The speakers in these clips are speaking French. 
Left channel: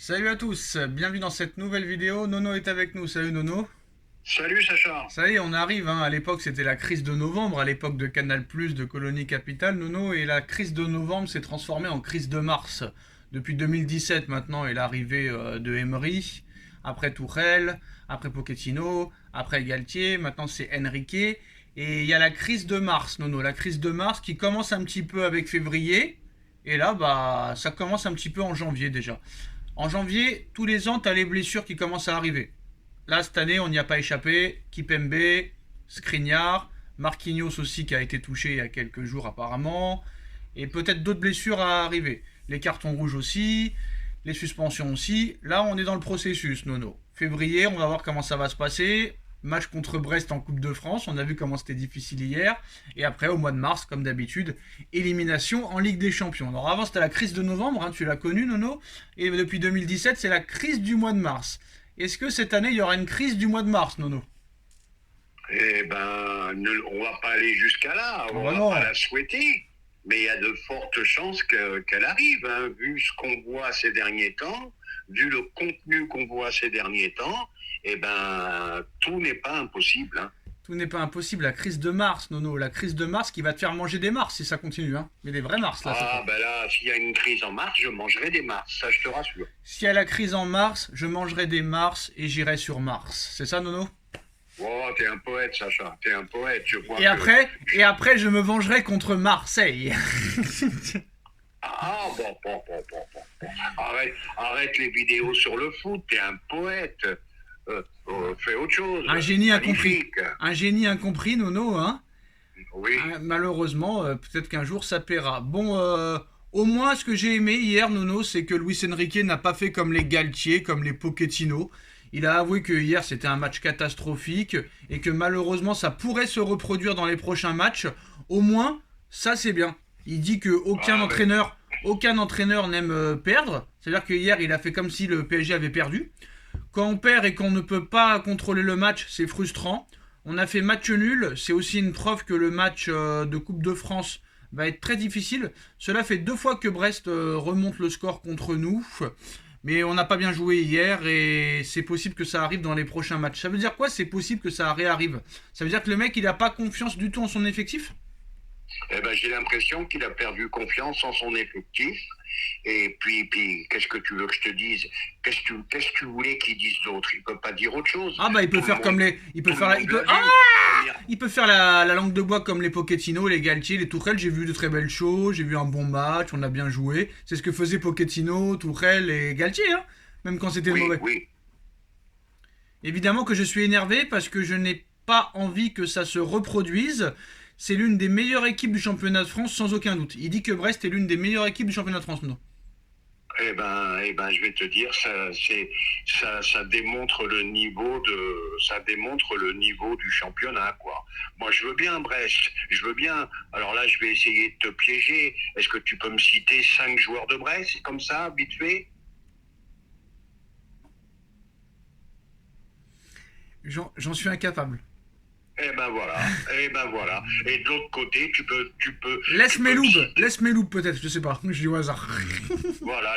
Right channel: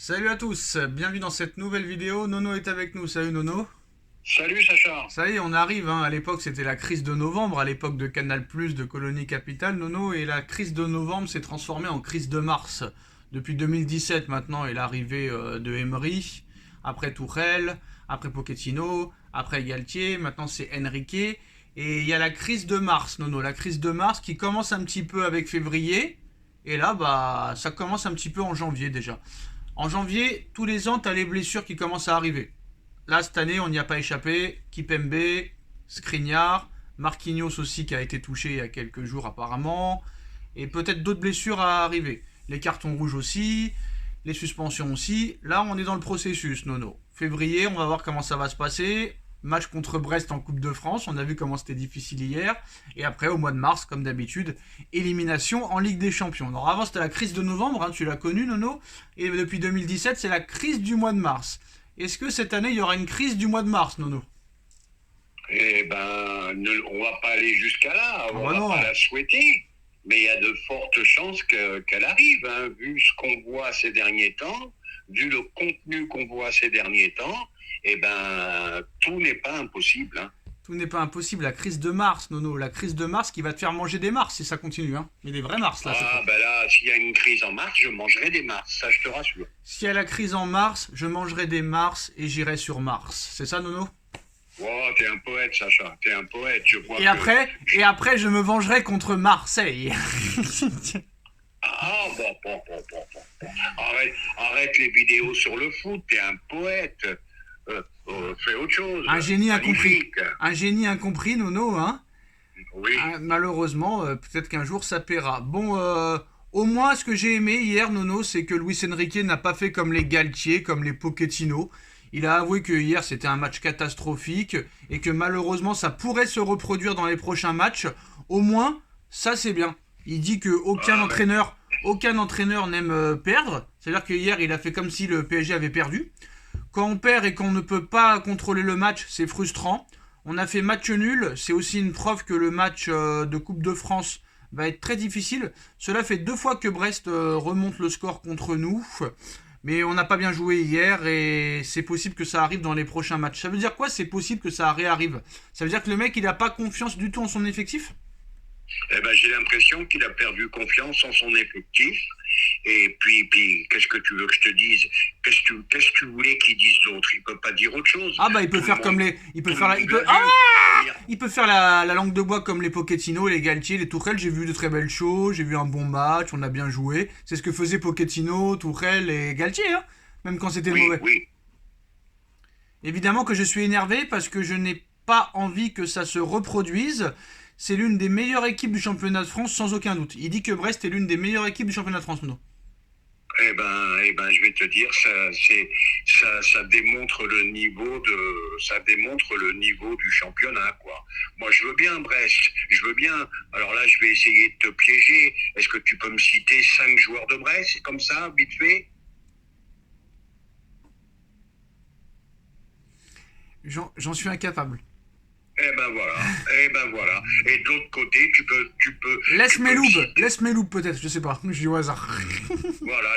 Salut à tous, bienvenue dans cette nouvelle vidéo. Nono est avec nous, salut Nono. Salut Sacha. Ça y est, on arrive, hein. À l'époque c'était la crise de novembre, à l'époque de Canal+, de Colonie Capitale, Nono, et la crise de novembre s'est transformée en crise de mars. Depuis 2017 maintenant, et l'arrivée de Emery, après Tourelle, après Pochettino, après Galtier, maintenant c'est Enrique, et il y a la crise de mars, Nono, la crise de mars qui commence un petit peu avec février, et là, bah, ça commence un petit peu en janvier déjà. En janvier, tous les ans, tu as les blessures qui commencent à arriver. Là, cette année, on n'y a pas échappé. Kipembe, Skriniar, Marquinhos aussi qui a été touché il y a quelques jours apparemment. Et peut-être d'autres blessures à arriver. Les cartons rouges aussi, les suspensions aussi. Là, on est dans le processus, Nono. Février, on va voir comment ça va se passer. Match contre Brest en Coupe de France, on a vu comment c'était difficile hier. Et après, au mois de mars, comme d'habitude, élimination en Ligue des Champions. Alors avant, c'était la crise de novembre, hein, tu l'as connu, Nono. Et depuis 2017, c'est la crise du mois de mars. Est-ce que cette année, il y aura une crise du mois de mars, Nono? Eh ben, on va pas aller jusqu'à là, Ah on bah va non. pas la souhaiter, mais il y a de fortes chances qu'elle arrive, hein, vu ce qu'on voit ces derniers temps, vu le contenu qu'on voit ces derniers temps. Eh ben, tout n'est pas impossible, hein. Tout n'est pas impossible. La crise de mars, Nono. La crise de mars qui va te faire manger des mars si ça continue. Hein. Mais des vrais mars, là, cette Ah fois. ben là, s'il y a une crise en mars, je mangerai des mars, ça je te rassure. S'il y a la crise en mars, je mangerai des mars et j'irai sur Mars. C'est ça, Nono? Oh, t'es un poète, Sacha, t'es un poète, je vois Et que... après, et après, je me vengerai contre Marseille. Ah, bon. Arrête les vidéos sur le foot, t'es un poète. Fais autre chose. Un génie incompris. Magnifique. Un génie incompris, Nono, hein. Oui. Malheureusement, peut-être qu'un jour ça paiera. Bon, au moins, ce que j'ai aimé hier, Nono, c'est que Luis Enrique n'a pas fait comme les Galtier, comme les Pochettino. Il a avoué que hier c'était un match catastrophique et que malheureusement ça pourrait se reproduire dans les prochains matchs. Au moins, ça c'est bien. Il dit que Ah, mais aucun entraîneur n'aime perdre. C'est-à-dire que hier il a fait comme si le PSG avait perdu. Quand on perd et qu'on ne peut pas contrôler le match, c'est frustrant. On a fait match nul, c'est aussi une preuve que le match de Coupe de France va être très difficile. Cela fait 2 fois que Brest remonte le score contre nous. Mais on n'a pas bien joué hier et c'est possible que ça arrive dans les prochains matchs. Ça veut dire quoi? C'est possible que ça réarrive. Ça veut dire que le mec il n'a pas confiance du tout en son effectif? eh ben, j'ai l'impression qu'il a perdu confiance en son effectif. Et puis qu'est-ce que tu veux que je te dise? Qu'est-ce que tu voulais qu'il dise d'autre? Il peut pas dire autre chose. Ah bah il peut Tout le faire comme monde, les. Il peut tout le faire la. monde Il l'a peut. vu. Ah, Première- il peut faire la langue de bois comme les Pochettino, les Galtier, les Tourelle. J'ai vu de très belles choses, j'ai vu un bon match, on a bien joué. C'est ce que faisaient Pochettino, Tourelle et Galtier, hein, même quand c'était Oui, mauvais. oui. Évidemment que je suis énervé parce que je n'ai pas envie que ça se reproduise. C'est l'une des meilleures équipes du championnat de France, sans aucun doute. Il dit que Brest est l'une des meilleures équipes du championnat de France, non? Je vais te dire, ça démontre le niveau ça démontre le niveau du championnat, quoi. Moi, je veux bien Brest, je veux bien. Alors là, je vais essayer de te piéger. Est-ce que tu peux me citer 5 joueurs de Brest, comme ça, vite fait? J'en suis incapable. Voilà, voilà. Et de l'autre côté, Laisse tu mes peux me loubes, citer. laisse mes loubes peut-être, je sais pas, je dis au hasard.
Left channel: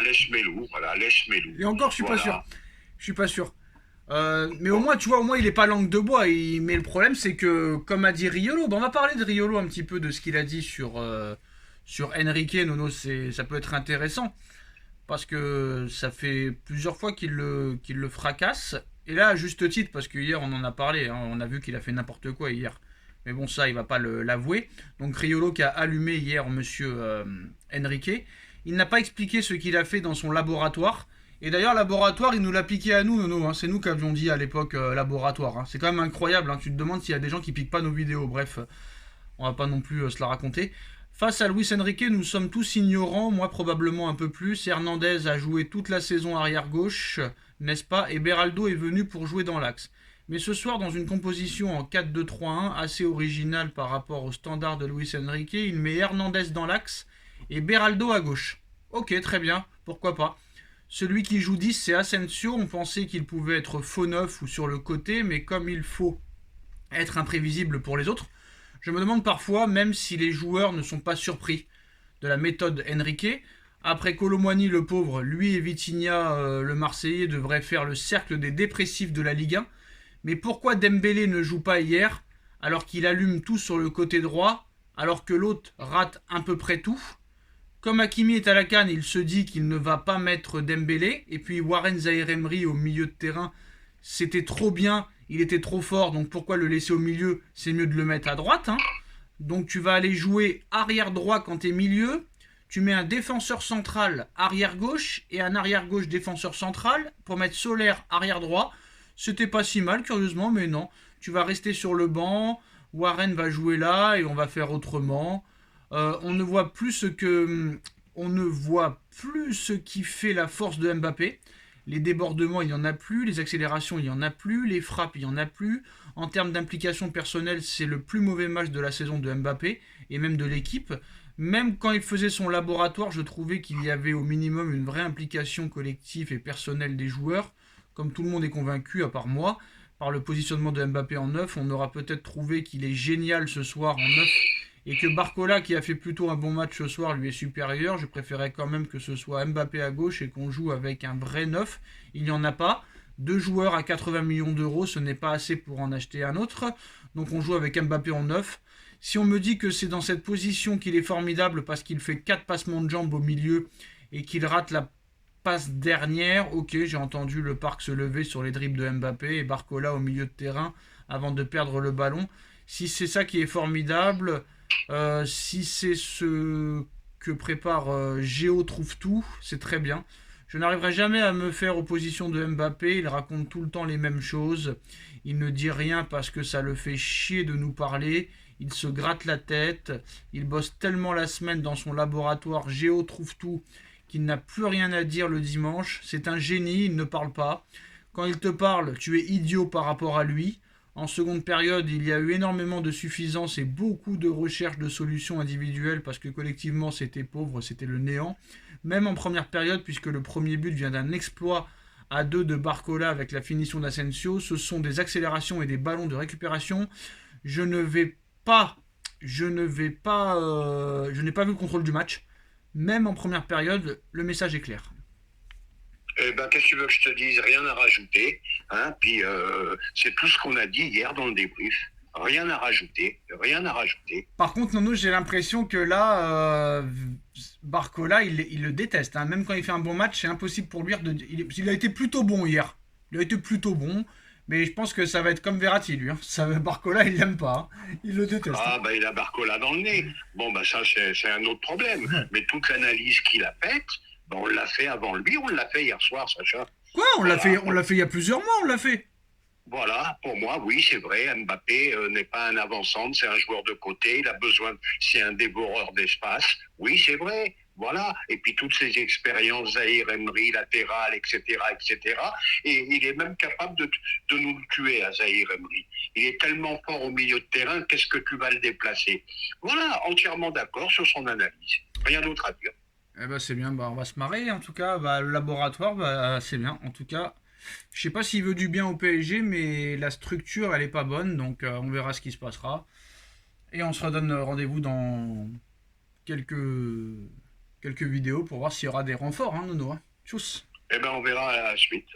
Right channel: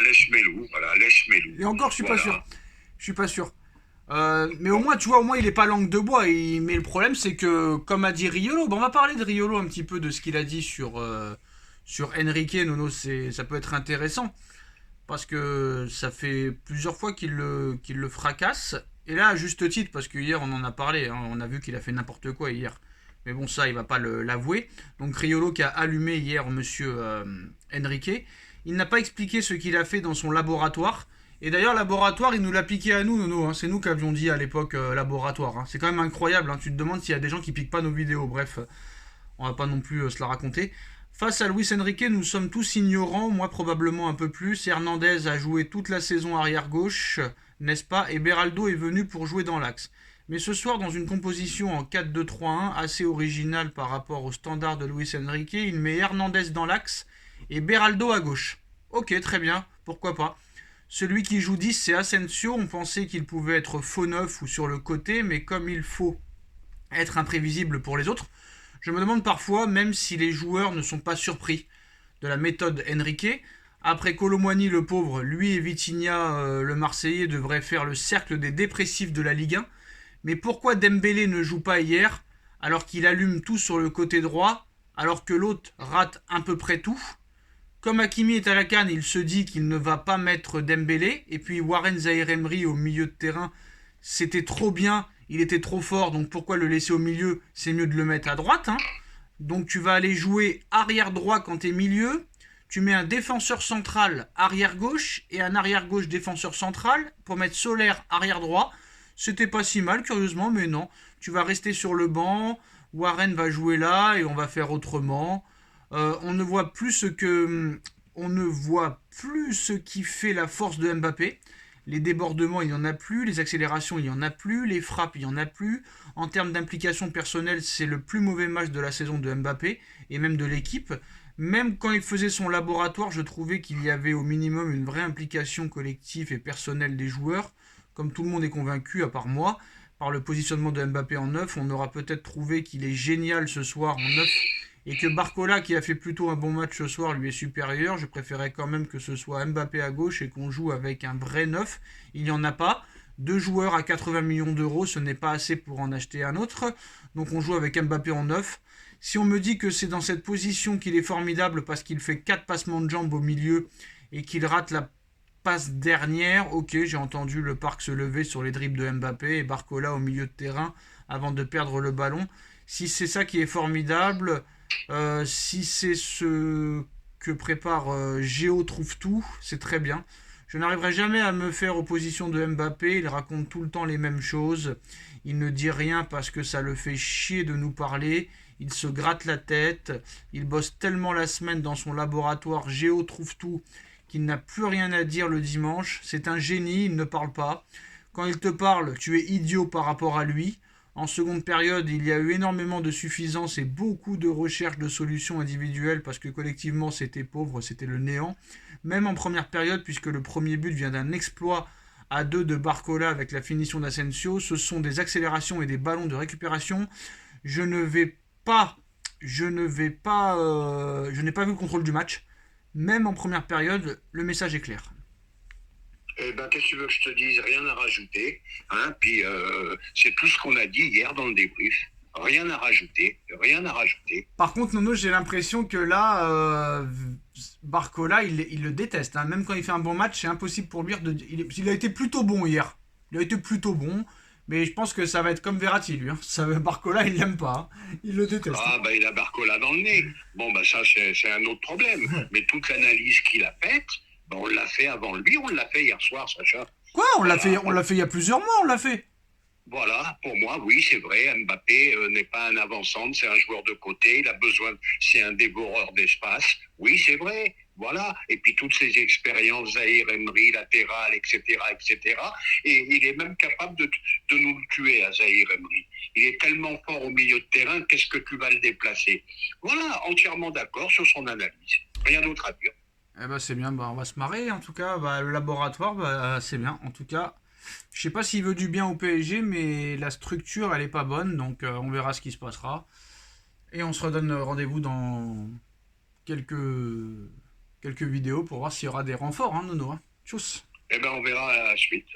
Laisse mes loups. Et encore, je suis pas sûr. Voilà. Je suis pas sûr. Mais au Bon, moins, tu vois, au moins il est pas langue de bois. Mais le problème, c'est que, comme a dit Riolo, on va parler de Riolo un petit peu de ce qu'il a dit sur Enrique. Nono, ça peut être intéressant parce que ça fait plusieurs fois qu'il le fracasse. Et là, à juste titre, parce que hier on en a parlé, hein, on a vu qu'il a fait n'importe quoi hier. Mais bon, ça, il va pas l'avouer. Donc Riolo qui a allumé hier Monsieur Enrique, il n'a pas expliqué ce qu'il a fait dans son laboratoire. Et d'ailleurs, laboratoire, il nous l'a piqué à nous, Nono. Hein. C'est nous qui avions dit à l'époque laboratoire. Hein. C'est quand même incroyable. Hein. Tu te demandes s'il y a des gens qui piquent pas nos vidéos. Bref, on va pas non plus se la raconter. Face à Luis Enrique, nous sommes tous ignorants, moi probablement un peu plus. Hernandez a joué toute la saison arrière-gauche, n'est-ce pas? Et Beraldo est venu pour jouer dans l'axe. Mais ce soir, dans une composition en 4-2-3-1, assez originale par rapport au standard de Luis Enrique, il met Hernandez dans l'axe et Beraldo à gauche. Ok, très bien, pourquoi pas. Celui qui joue 10, c'est Asensio. On pensait qu'il pouvait être faux neuf ou sur le côté, mais comme il faut être imprévisible pour les autres, je me demande parfois, même si les joueurs ne sont pas surpris de la méthode Enrique, Après Kolo Muani, le pauvre, lui et Vitinha, le Marseillais, devraient faire le cercle des dépressifs de la Ligue 1. Mais pourquoi Dembélé ne joue pas hier, alors qu'il allume tout sur le côté droit, alors que l'autre rate à peu près tout? Comme Hakimi est à la canne, il se dit qu'il ne va pas mettre Dembélé. Et puis Warren Zaïre-Emery au milieu de terrain, c'était trop bien, il était trop fort, donc pourquoi le laisser au milieu? C'est mieux de le mettre à droite. Hein. Donc tu vas aller jouer arrière droit quand tu es milieu. Tu mets un défenseur central arrière gauche et un arrière gauche défenseur central pour mettre Solaire arrière droit. C'était pas si mal, curieusement, mais non. Tu vas rester sur le banc, Warren va jouer là et on va faire autrement. On ne voit plus on ne voit plus ce qui fait la force de Mbappé. Les débordements, il n'y en a plus. Les accélérations, il n'y en a plus. Les frappes, il n'y en a plus. En termes d'implication personnelle, c'est le plus mauvais match de la saison de Mbappé et même de l'équipe. Même quand il faisait son laboratoire, je trouvais qu'il y avait au minimum une vraie implication collective et personnelle des joueurs. Comme tout le monde est convaincu, à part moi, par le positionnement de Mbappé en neuf, on aura peut-être trouvé qu'il est génial ce soir en neuf et que Barcola, qui a fait plutôt un bon match ce soir, lui est supérieur. Je préférais quand même que ce soit Mbappé à gauche et qu'on joue avec un vrai neuf. Il n'y en a pas. 2 joueurs à 80 millions d'euros, ce n'est pas assez pour en acheter un autre. Donc on joue avec Mbappé en neuf. Si on me dit que c'est dans cette position qu'il est formidable parce qu'il fait 4 passements de jambes au milieu et qu'il rate la passe dernière, ok, j'ai entendu le parc se lever sur les dribbles de Mbappé et Barcola au milieu de terrain avant de perdre le ballon. Si c'est ça qui est formidable, si c'est ce que prépare Géo trouve tout, c'est très bien. Je n'arriverai jamais à me faire opposition de Mbappé, il raconte tout le temps les mêmes choses. Il ne dit rien parce que ça le fait chier de nous parler. Il se gratte la tête, il bosse tellement la semaine dans son laboratoire Géo trouve tout qu'il n'a plus rien à dire le dimanche. C'est un génie, il ne parle pas. Quand il te parle, tu es idiot par rapport à lui. En seconde période, il y a eu énormément de suffisance et beaucoup de recherches de solutions individuelles parce que collectivement c'était pauvre, c'était le néant. Même en première période, puisque le premier but vient d'un exploit à 2 de Barcola avec la finition d'Asensio, ce sont des accélérations et des ballons de récupération. Je n'ai pas vu le contrôle du match. Même en première période, le message est clair. Eh ben, qu'est-ce que tu veux que je te dise? Rien à rajouter. Hein? Puis c'est tout ce qu'on a dit hier dans le débrief. Rien à rajouter. Rien à rajouter. Par contre, Nono, j'ai l'impression que là, Barcola, il le déteste. Hein. Même quand il fait un bon match, c'est impossible pour lui de. Il a été plutôt bon hier. Il a été plutôt bon. Mais je pense que ça va être comme Verratti, lui. Hein. Barcola, il l'aime pas. Hein. Il le déteste. Ah, bah, il a Barcola dans le nez. Bon, bah, ça, c'est un autre problème. Mais toute l'analyse qu'il a faite, bah, on l'a fait avant lui, on l'a fait hier soir, Sacha. Quoi? On l'a fait il y a plusieurs mois, on l'a fait. Voilà, pour moi, oui, c'est vrai. Mbappé n'est pas un avant-centre, c'est un joueur de côté. Il a besoin, c'est un dévoreur d'espace. Oui, c'est vrai. Voilà. Et puis toutes ces expériences, Zaïre Emery, latéral, etc., etc. Et il est même capable de nous le tuer à Zaïre Emery. Il est tellement fort au milieu de terrain, qu'est-ce que tu vas le déplacer? Voilà, entièrement d'accord sur son analyse. Rien d'autre à dire. Eh ben c'est bien, bah, on va se marrer. En tout cas, bah, le laboratoire, bah, c'est bien. En tout cas, je sais pas s'il veut du bien au PSG, mais la structure, elle est pas bonne. Donc on verra ce qui se passera. Et on se redonne rendez-vous dans quelques, quelques vidéos pour voir s'il y aura des renforts, hein, Nono. Hein. Tchuss. Eh ben, on verra à la suite.